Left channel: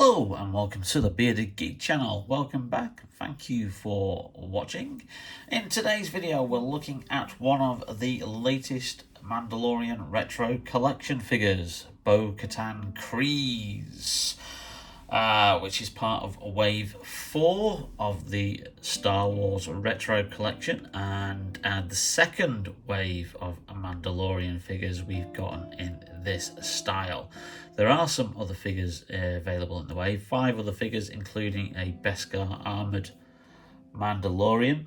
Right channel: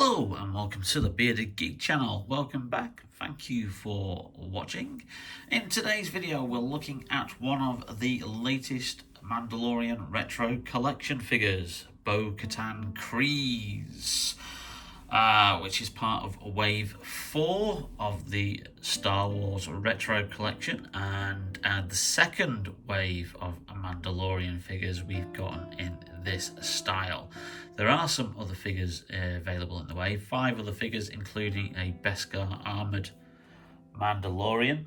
Hello and welcome to the Bearded Geek channel. Welcome back. Thank you for watching. In today's video we're looking at one of the latest Mandalorian Retro Collection figures, Bo-Katan Kryze, which is part of Wave 4 of the Star Wars Retro Collection and the second wave of Mandalorian figures we've gotten in this style. There are some other figures available in the wave, 5 other figures including a Beskar armoured Mandalorian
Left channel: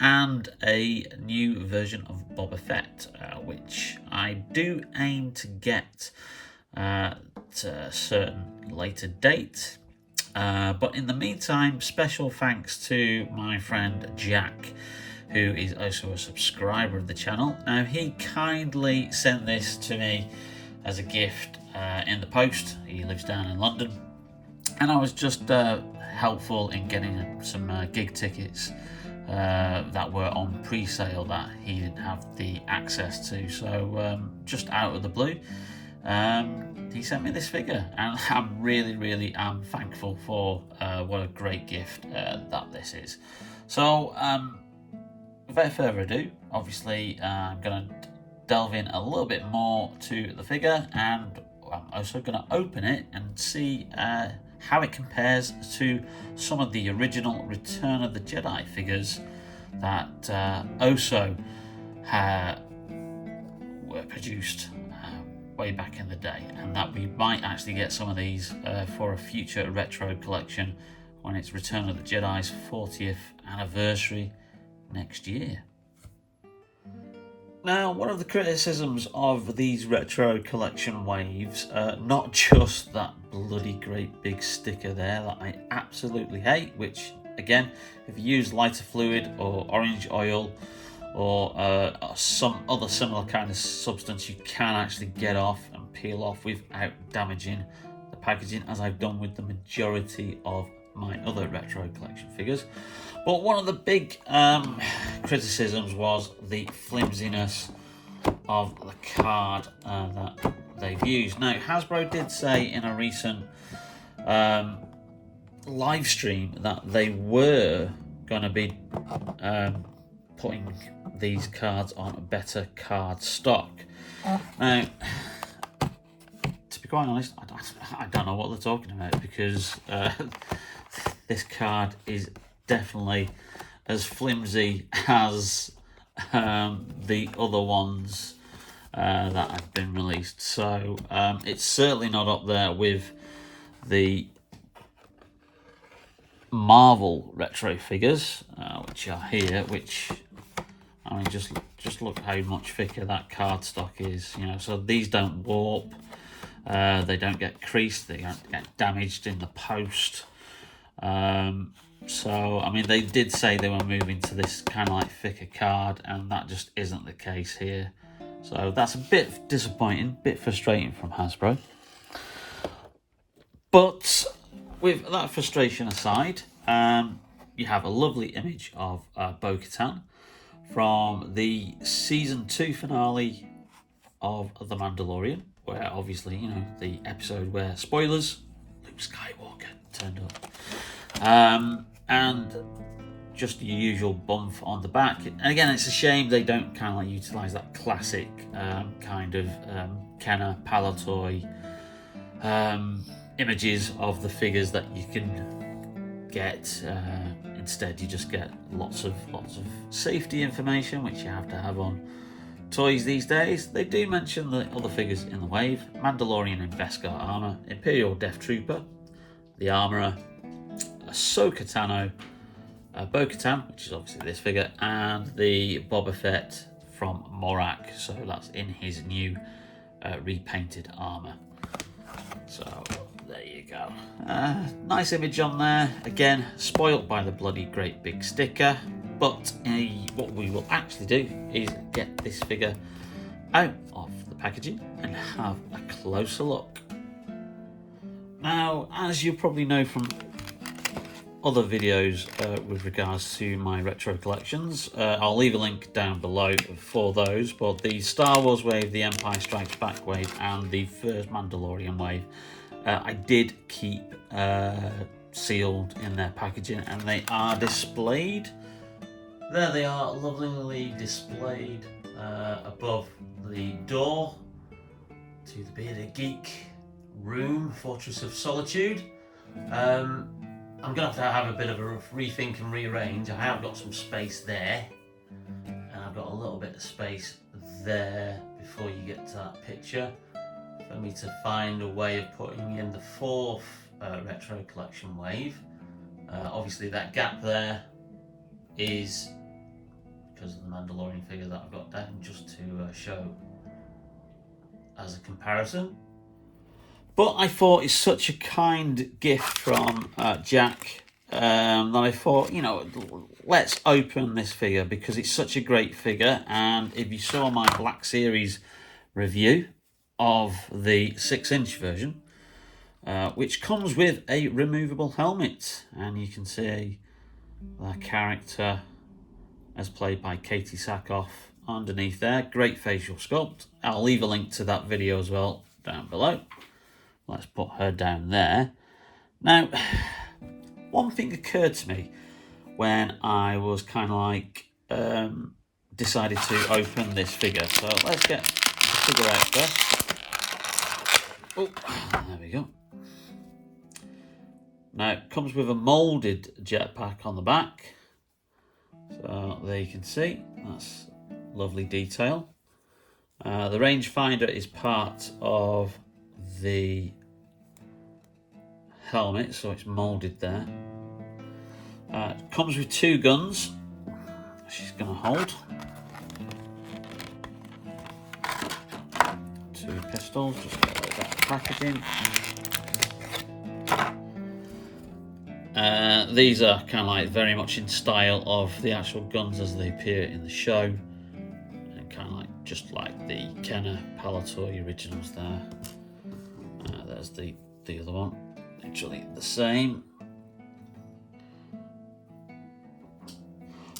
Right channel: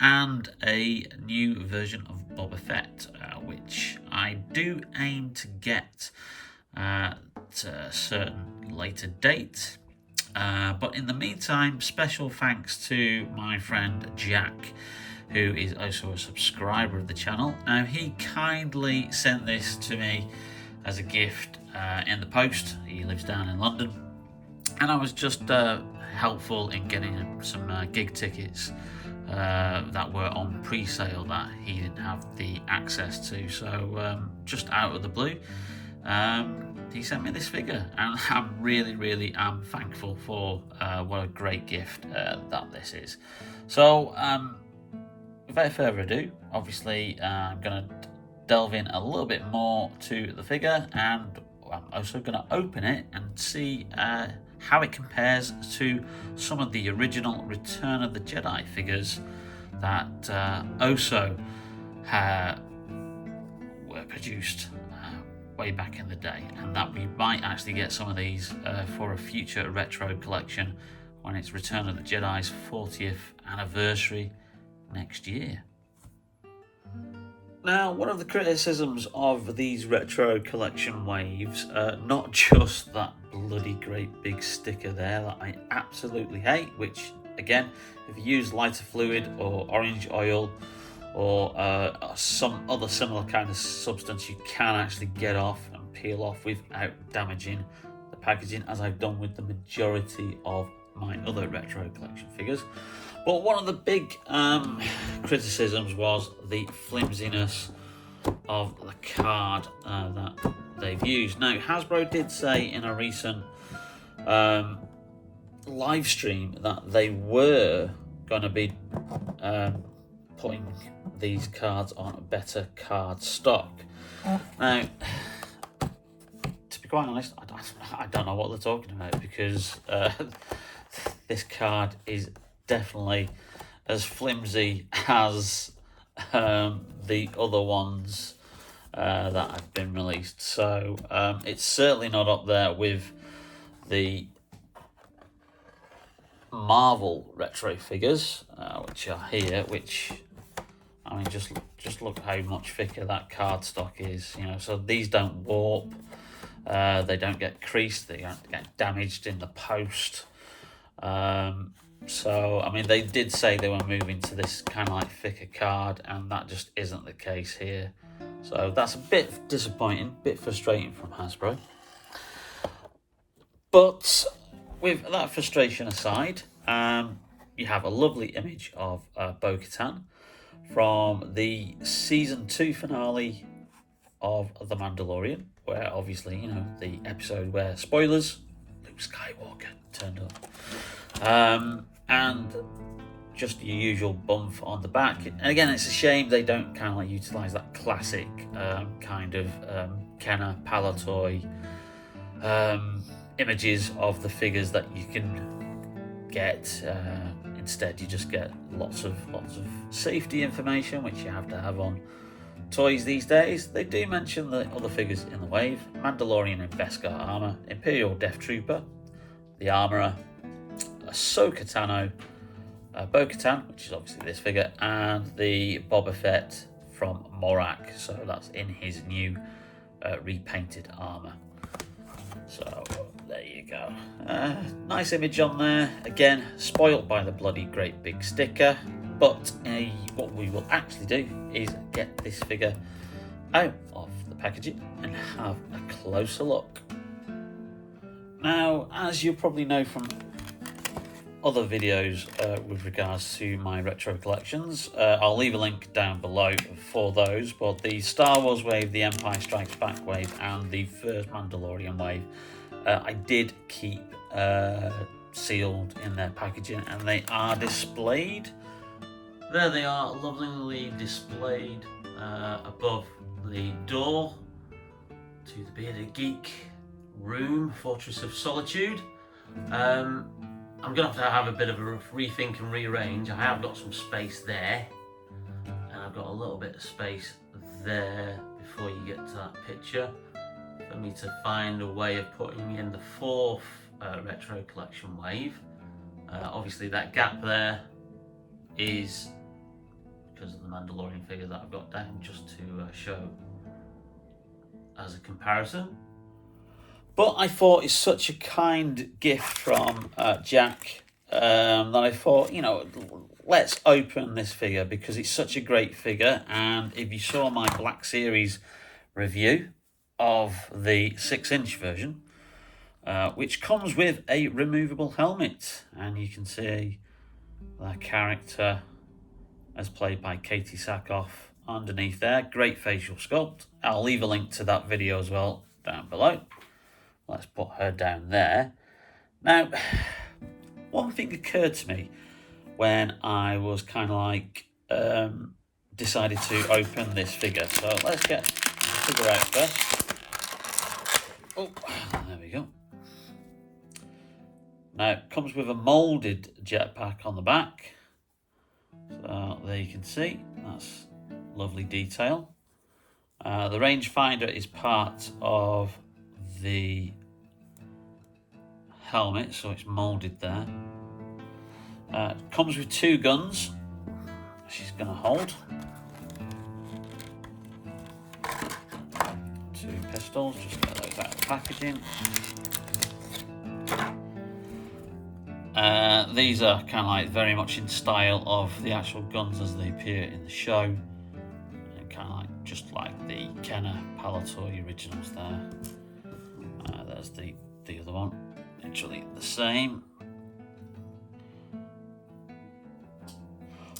and a new version of Boba Fett, which I do aim to get at a certain later date. But in the meantime, special thanks to my friend Jack, who is also a subscriber of the channel. Now, he kindly sent this to me as a gift in the post. He lives down in London, and I was just helpful in getting some gig tickets that were on pre-sale that he didn't have the access to. So just out of the blue, he sent me this figure, and I'm really am thankful for what a great gift that this is. So without further ado, obviously I'm going to delve in a little bit more to the figure, and I'm also going to open it and see how it compares to some of the original Return of the Jedi figures that also were produced way back in the day, and that we might actually get some of these for a future retro collection when it's Return of the Jedi's 40th anniversary next year. Now, one of the criticisms of these retro collection waves, not just that bloody great big sticker there that I absolutely hate, which again, if you use lighter fluid or orange oil or some other similar kind of substance, you can actually get off and peel off without damaging the packaging, as I've done with the majority of my other retro collection figures. But one of the big criticisms was the flimsiness of the card that they've used. Now, Hasbro did say in a recent live stream that they were going to be putting these cards on better card stock. Now, to be quite honest, I don't know what they're talking about, because this card is definitely as flimsy as the other ones that have been released. So it's certainly not up there with the Marvel retro figures, which are here, which, I mean, just look how much thicker that cardstock is, you know. So these don't warp, they don't get creased, they don't get damaged in the post. So, I mean, they did say they were moving to this kind of like thicker card, and that just isn't the case here. So that's a bit disappointing, a bit frustrating from Hasbro. But with that frustration aside, you have a lovely image of Bo-Katan from the Season 2 finale of The Mandalorian, where obviously, you know, the episode where, spoilers, Luke Skywalker turned up. And just your usual bump on the back. And again, it's a shame they don't kind of like utilize that classic kind of Kenner Palatoy images of the figures that you can get. Instead, you just get lots of safety information, which you have to have on toys these days. They do mention the other figures in the wave: Mandalorian in Beskar armor, Imperial Death Trooper, the Armorer, Ahsoka Tano, Bo-Katan, which is obviously this figure, and the Boba Fett from Morak. So that's in his new repainted armor. So there you go. Nice image on there. Again, spoilt by the bloody great big sticker. But what we will actually do is get this figure out of the packaging and have a closer look. Now, as you probably know from other videos with regards to my retro collections, I'll leave a link down below for those, but the Star Wars wave, the Empire Strikes Back wave, and the first Mandalorian wave I did keep sealed in their packaging, and they are displayed. There they are, lovingly displayed above the door to the Bearded Geek room, Fortress of Solitude. I'm going to have a bit of a rethink and rearrange. I have got some space there, and I've got a little bit of space there before you get to that picture for me to find a way of putting in the fourth Retro Collection wave. Obviously that gap there is because of the Mandalorian figure that I've got down, just to show as a comparison. But I thought it's such a kind gift from Jack that I thought, you know, let's open this figure because it's such a great figure. And if you saw my Black Series review of the 6-inch version, which comes with a removable helmet, and you can see the character as played by Katie Sackhoff underneath there. Great facial sculpt. I'll leave a link to that video as well down below. Let's put her down there. Now, one thing occurred to me when I was kind of like decided to open this figure. So let's get the figure out first. Oh, there we go. Now, it comes with a moulded jetpack on the back. So there you can see, that's lovely detail. The rangefinder is part of the helmet, so it's moulded there. It comes with 2 guns she's going to hold. 2 pistols, just get those out of the packaging. These are kind of like very much in style of the actual guns as they appear in the show, and kind of like just like the Kenner Palatoy originals there. There's the other one, literally the same.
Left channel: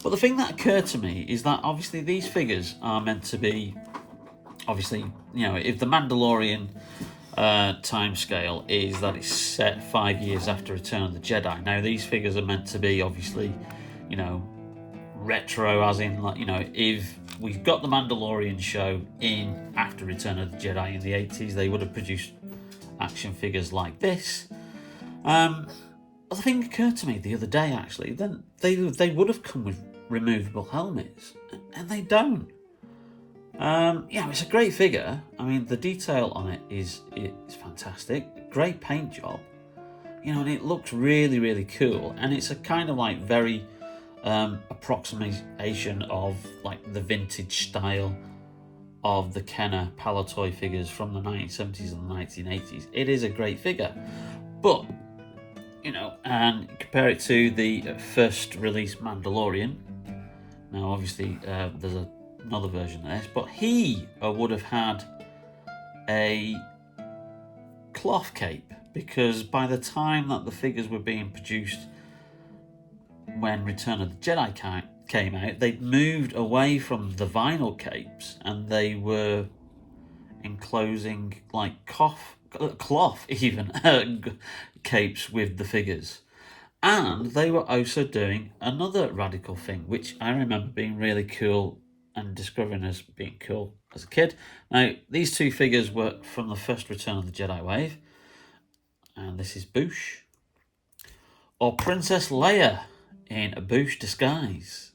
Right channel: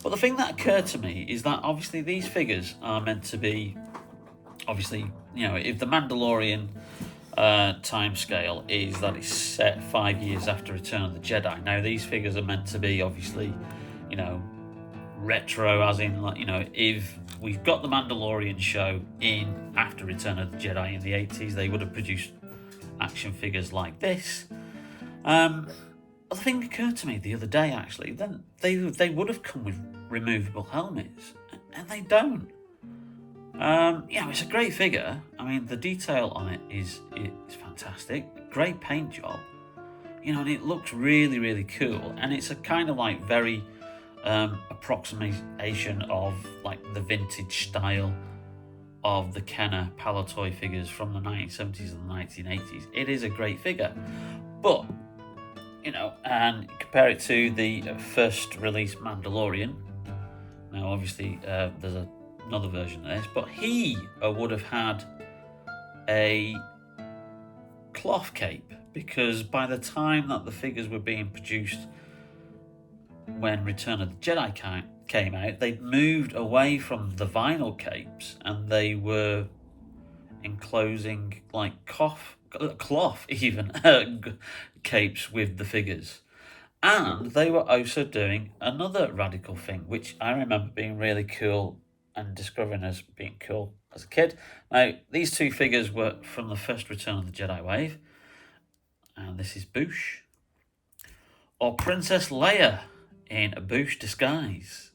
But the thing that occurred to me is that obviously these figures are meant to be, obviously, you know, if the Mandalorian time scale is that it's set 5 years after Return of the Jedi. Now these figures are meant to be obviously, you know, retro, as in, like, you know, if we've got the Mandalorian show in after Return of the Jedi in the 80s, they would have produced action figures like this. The thing occurred to me the other day, actually, then they would have come with removable helmets, and they don't. Yeah, it's a great figure. I mean, the detail on it is fantastic. Great paint job, you know, and it looks really, really cool. And it's a kind of like very approximation of like the vintage style of the Kenner Palatoy figures from the 1970s and the 1980s. It is a great figure, but you know, and compare it to the first release Mandalorian. Now, obviously, there's another version of this, but he would have had a cloth cape, because by the time that the figures were being produced when Return of the Jedi came out, they'd moved away from the vinyl capes and they were enclosing like cloth even capes with the figures. And they were also doing another radical thing, which I remember being really cool and discovering as being cool as a kid. Now, these 2 figures were from the first Return of the Jedi wave, and this is Boushh, or Princess Leia in a Boushh disguise.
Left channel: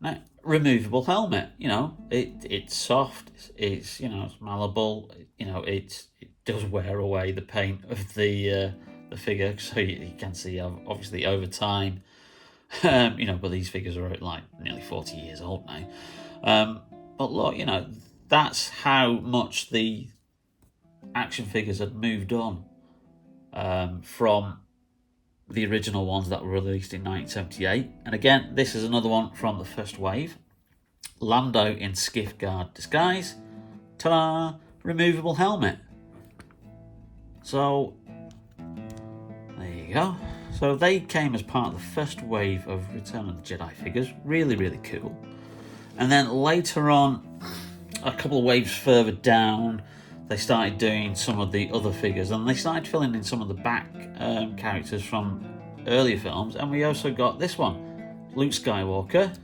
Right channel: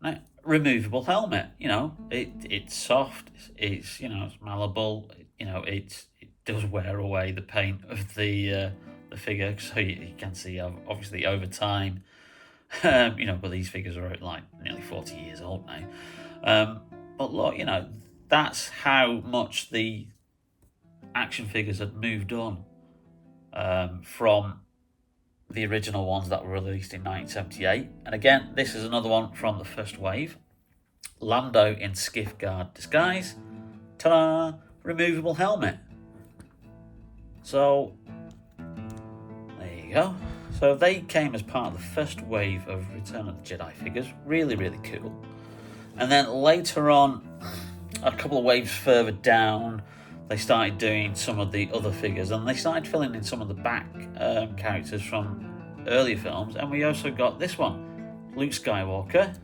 Now, removable helmet, you know, it's soft, it's, you know, it's malleable, you know, it does wear away the paint of the figure, so you can see obviously over time. You know, but these figures are like nearly 40 years old now. But look, you know, that's how much the action figures had moved on from the original ones that were released in 1978. And again, this is another one from the first wave. Lando in skiff guard disguise. Ta-da! Removable helmet. So, there you go. So they came as part of the first wave of Return of the Jedi figures. Really, really cool. And then later on, a couple of waves further down, they started doing some of the other figures, and they started filling in some of the back characters from earlier films. And we also got this one, Luke Skywalker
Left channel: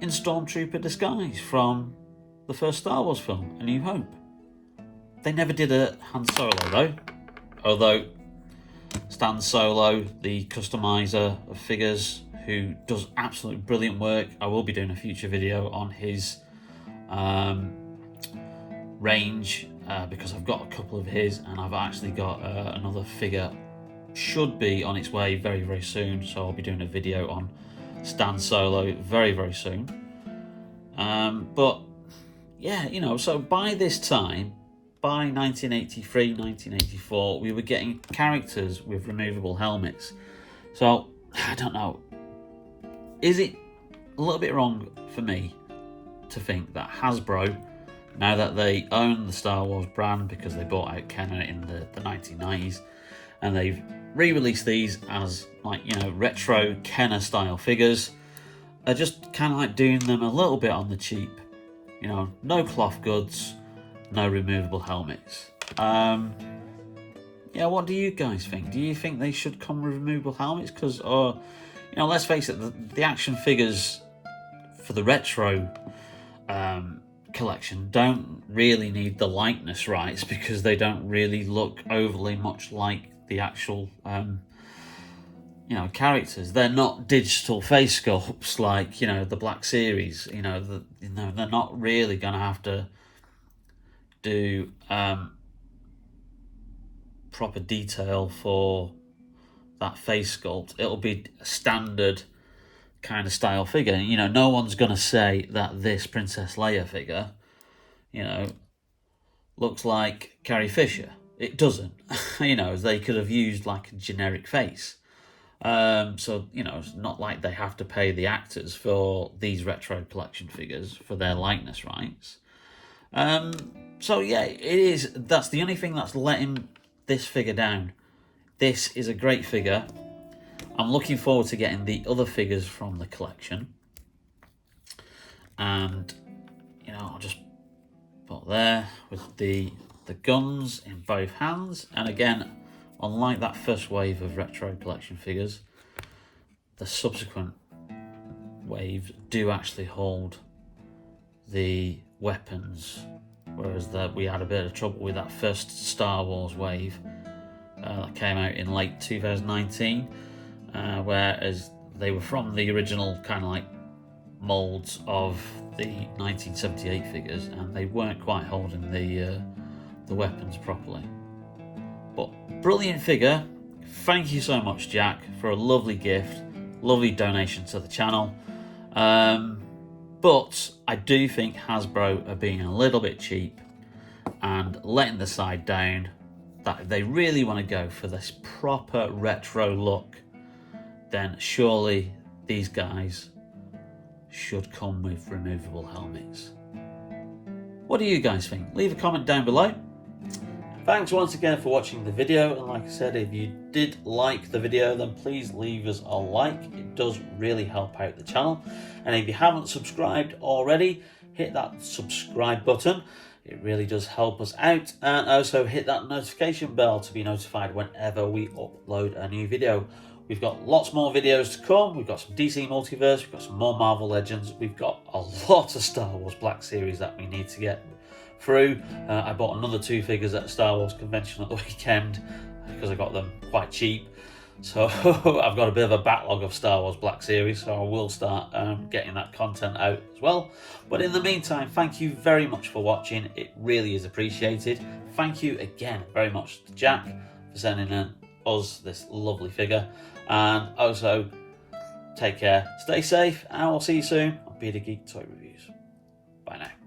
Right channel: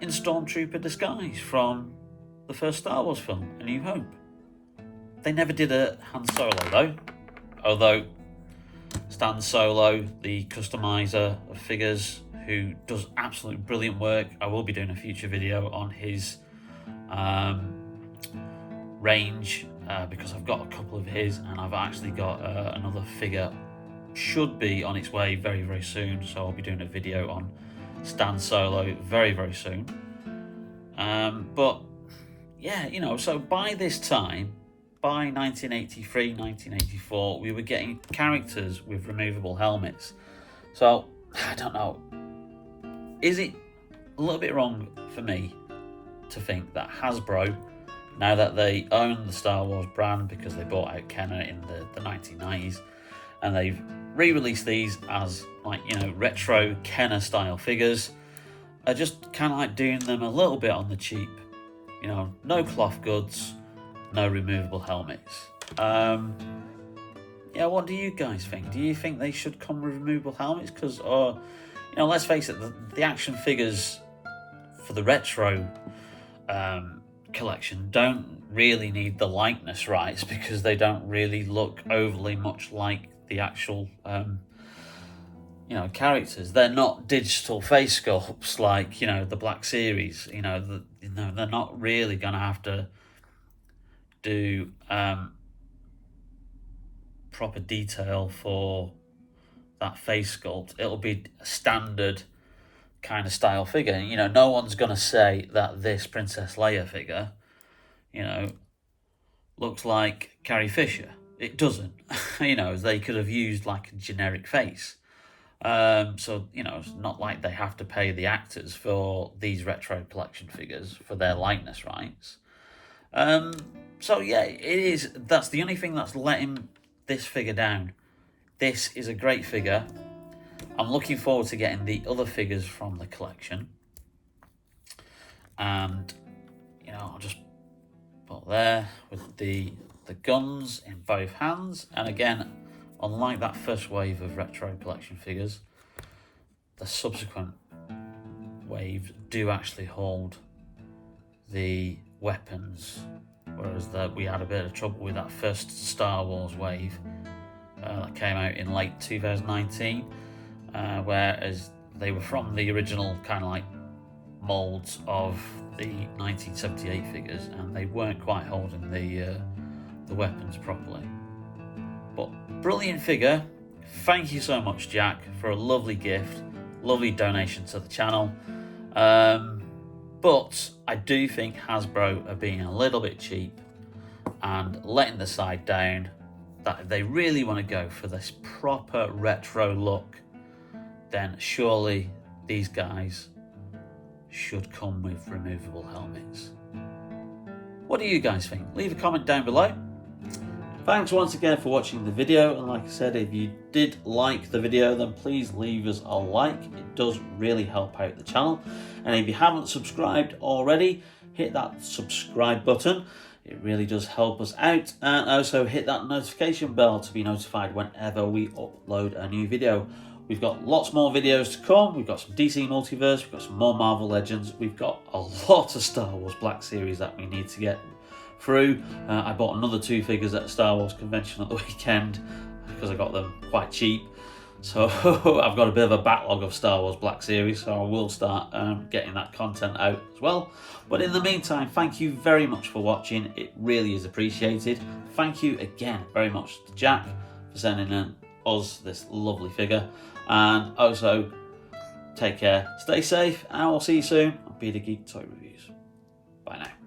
in Stormtrooper disguise from the first Star Wars film, A New Hope. They never did a Han Solo though, although Stan Solo, the customizer of figures, who does absolutely brilliant work. I will be doing a future video on his range because I've got a couple of his, and I've actually got another figure should be on its way very, very soon, so I'll be doing a video on Stan Solo very, very soon. But yeah, you know, so by this time, by 1983, 1984, we were getting characters with removable helmets. So, I don't know, is it a little bit wrong for me to think that Hasbro, now that they own the Star Wars brand because they bought out Kenner in the 1990s, and they've re-released these as, like, you know, retro Kenner style figures, are just kind of like doing them a little bit on the cheap? You know, no cloth goods, no removable helmets. Yeah, what do you guys think? Do you think they should come with removable helmets? Because, you know, let's face it, the action figures for the retro collection don't really need the likeness rights, because they don't really look overly much like the actual, you know, characters. They're not digital face sculpts like, you know, the Black Series. You know, they're not really going to have to do proper detail for that face sculpt. It'll be a standard kind of style figure. You know, no one's going to say that this Princess Leia figure, you know, looks like Carrie Fisher. It doesn't. You know, they could have used like a generic face. So, you know, it's not like they have to pay the actors for these retro collection figures for their likeness rights. So yeah, that's the only thing that's letting this figure down. This is a great figure. I'm looking forward to getting the other figures from the collection. And, you know, I'll just put there with the guns in both hands. And again, unlike that first wave of retro collection figures, the subsequent waves do actually hold the weapons, whereas we had a bit of trouble with that first Star Wars wave that came out in late 2019, whereas they were from the original kind of like molds of the 1978 figures, and they weren't quite holding the weapons properly. But brilliant figure. Thank you so much, Jack, for a lovely gift, lovely donation to the channel. But I do think Hasbro are being a little bit cheap and letting the side down. That if they really want to go for this proper retro look, then surely these guys should come with removable helmets. What do you guys think? Leave a comment down below. Thanks once again for watching the video, and like I said, if you did like the video, then please leave us a like. It does really help out the channel. And if you haven't subscribed already, hit that subscribe button. It really does help us out. And also hit that notification bell to be notified whenever we upload a new video. We've got lots more videos to come. We've got some DC Multiverse, we've got some more Marvel Legends, we've got a lot of Star Wars Black Series that we need to get through. I bought another 2 figures at the Star Wars convention at the weekend because I got them quite cheap. So I've got a bit of a backlog of Star Wars Black Series, so I will start getting that content out as well. But in the meantime, thank you very much for watching. It really is appreciated. Thank you again very much to Jack for sending us this lovely figure. And also, take care, stay safe, and I will see you soon on Be The Geek Toy Reviews. Bye now.